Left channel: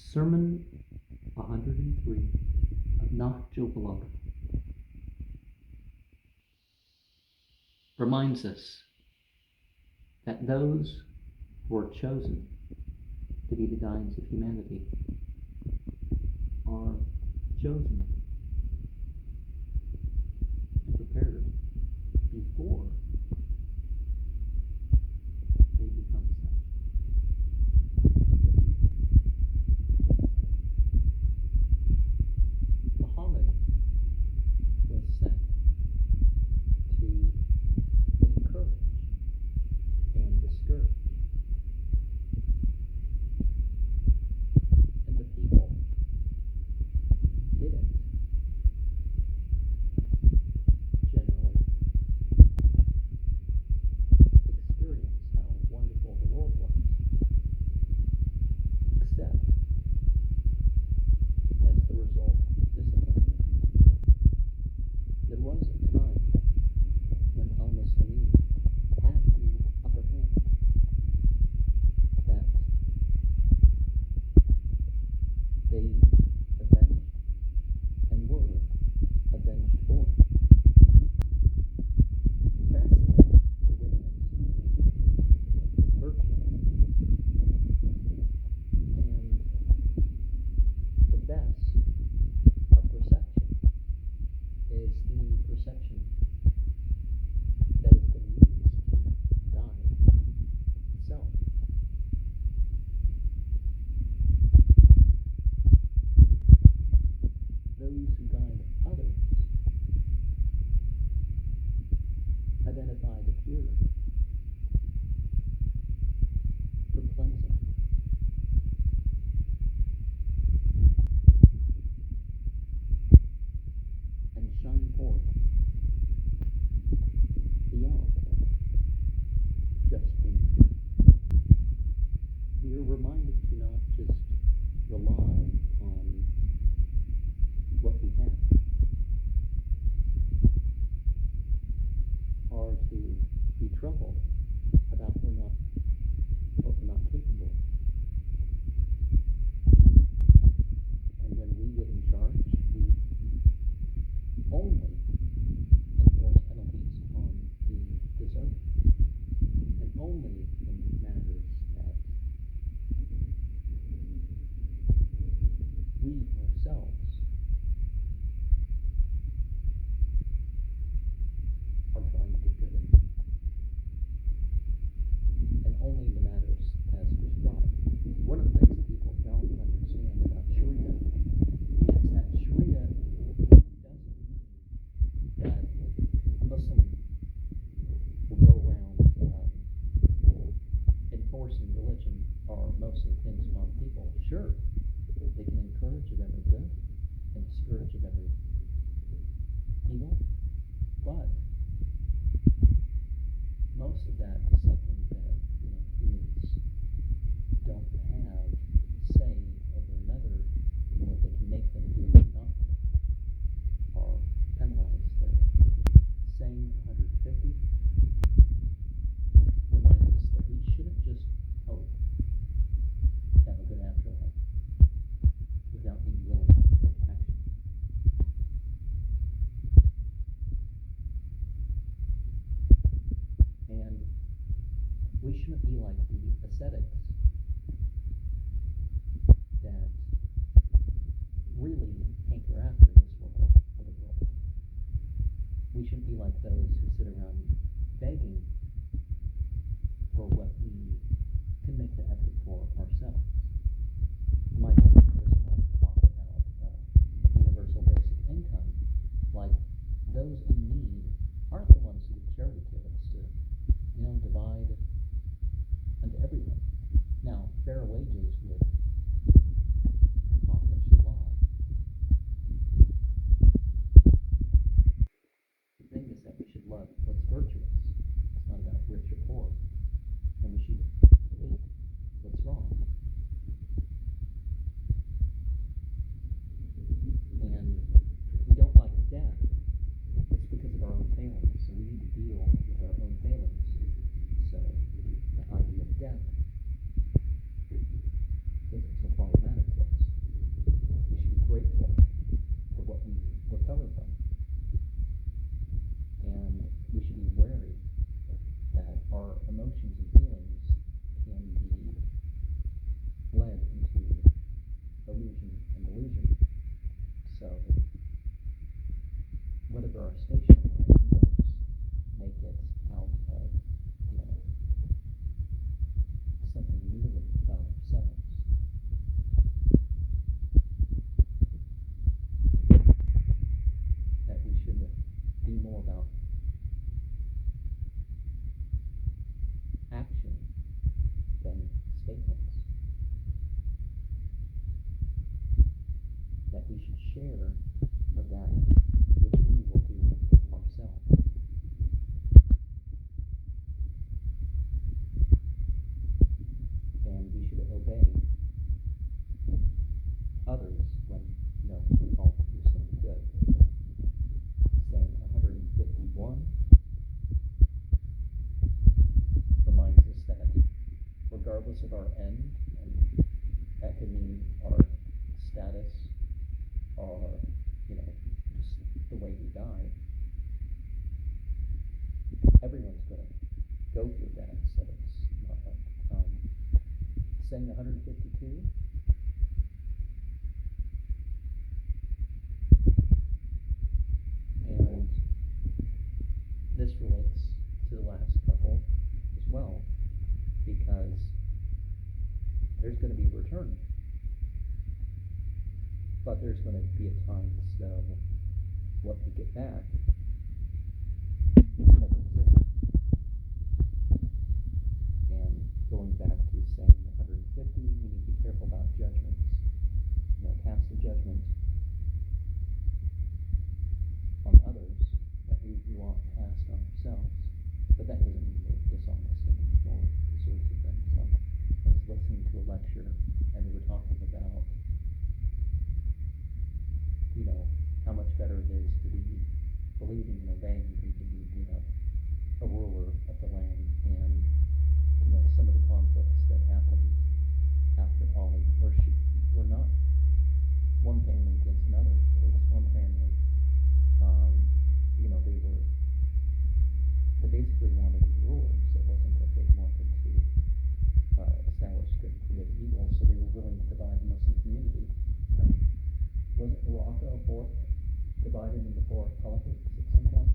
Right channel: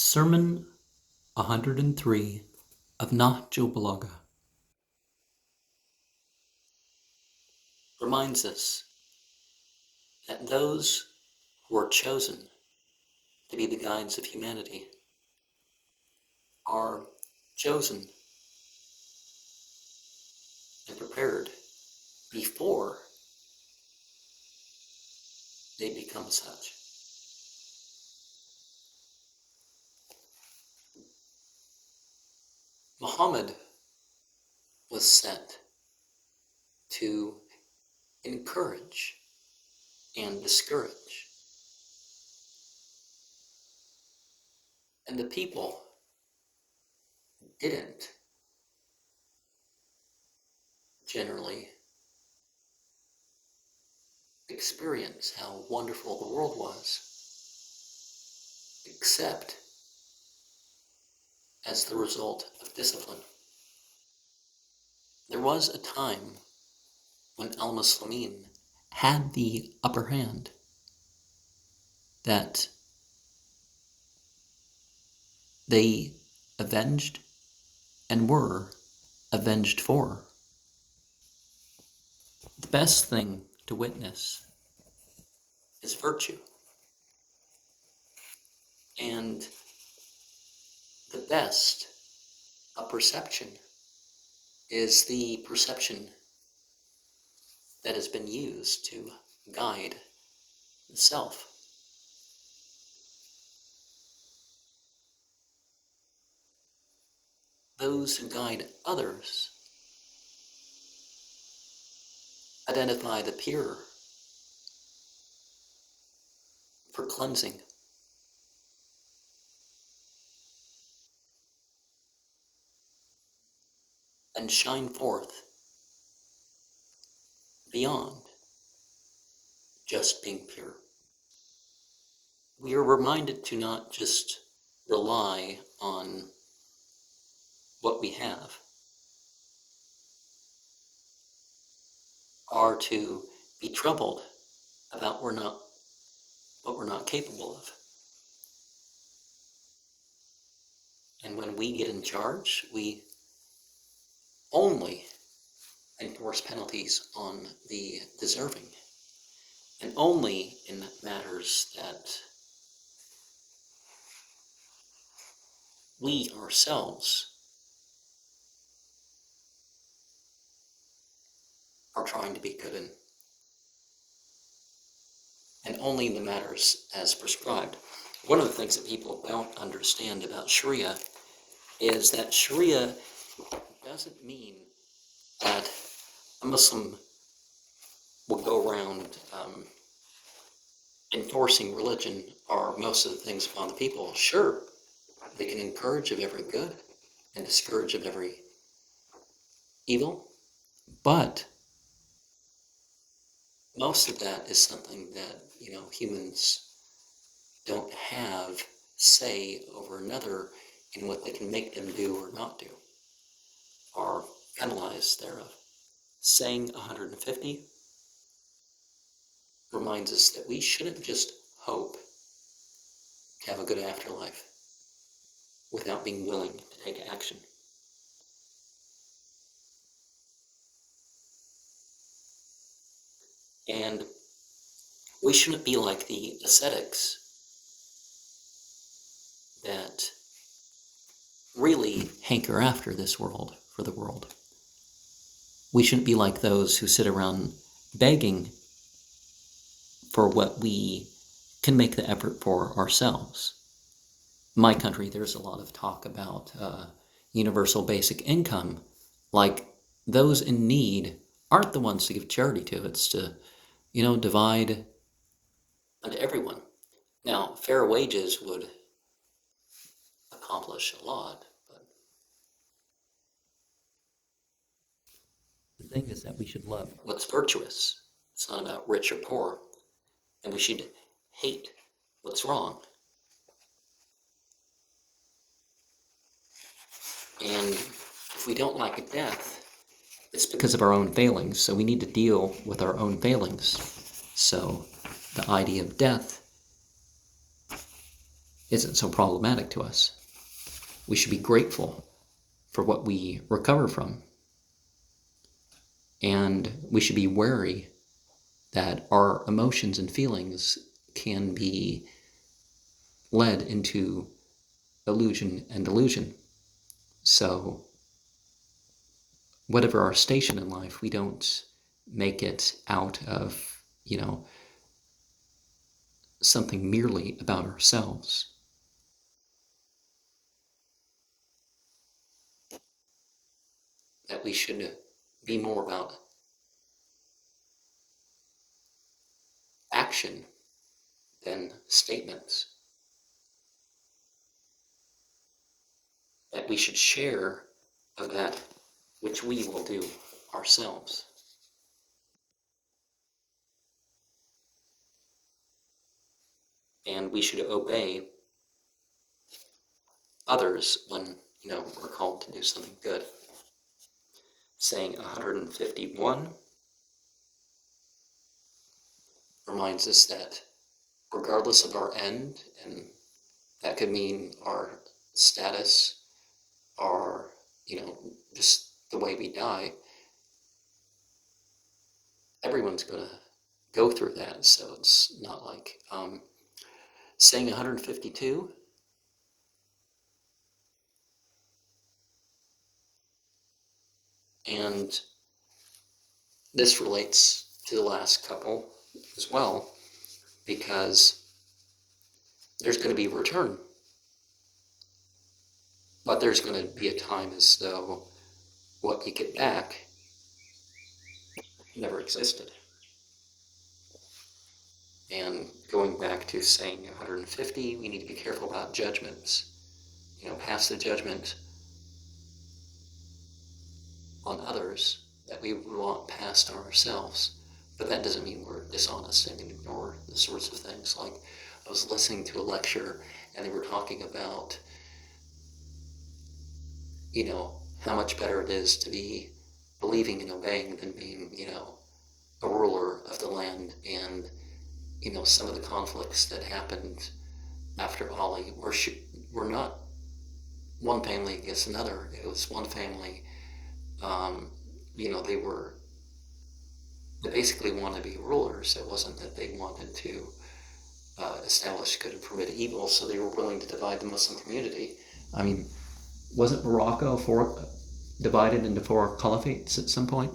Sermon 103 of Nahjul Balagah reminds us that those who are chosen to be the guides of humanity are chosen and prepared before they become such. Muhammad was sent to encourage and discourage. And the people didn't generally experience how wonderful the world was, except as the result of discipline. There was a time when al-Muslimin had the upper hand, that they avenged and were avenged for. The best thing to witness is virtue. And the best of perception is the perception that has been used to guide the self. Those who guide others identify the pure for cleansing. And shine forth beyond just being pure. We are reminded to not just rely on what we have, or to be troubled about what we're not capable of. And when we get in charge, we only enforce penalties on the deserving, and only in matters that we ourselves are trying to be good in, and only in the matters as prescribed. One of the things that people don't understand about Sharia is that Sharia doesn't mean that a Muslim will go around enforcing religion or most of the things upon the people. Sure, they can encourage of every good and discourage of every evil, but most of that is something that, humans don't have say over another in what they can make them do or not do, or penalize thereof. Saying 150 reminds us that we shouldn't just hope to have a good afterlife without being willing to take action. And we shouldn't be like the ascetics that really hanker after this world for the world. We shouldn't be like those who sit around begging for what we can make the effort for ourselves. In my country, there's a lot of talk about universal basic income, like those in need aren't the ones to give charity to. It's to, divide unto everyone. Now, fair wages would accomplish a lot, but the thing is that we should love what's virtuous. It's not about rich or poor, and we should hate what's wrong. And if we don't like death, it's because of our own failings, so we need to deal with our own failings. So the idea of death isn't so problematic to us. We should be grateful for what we recover from. And we should be wary that our emotions and feelings can be led into illusion and delusion. So whatever our station in life, we don't make it out of, something merely about ourselves. That we should be more about action than statements. That we should share of that which we will do ourselves. And we should obey others when, we're called to do something good. Saying 151 reminds us that regardless of our end, and that could mean our status, our, just the way we die, everyone's going to go through that. So it's not like saying 152. And this relates to the last couple as well, because there's going to be a return. But there's going to be a time as though what you get back never existed. And going back to saying 150, we need to be careful about judgments. Pass the judgment on others that we want past ourselves. But that doesn't mean we're dishonest and ignore the sorts of things. Like, I was listening to a lecture and they were talking about, how much better it is to be believing and obeying than being, a ruler of the land. And, some of the conflicts that happened after Ali were not one family against another. It was one family, they basically wanted to be rulers. It wasn't that they wanted to establish good and permit evil, so they were willing to divide the Muslim community. I mean, wasn't Morocco divided into 4 caliphates at some point?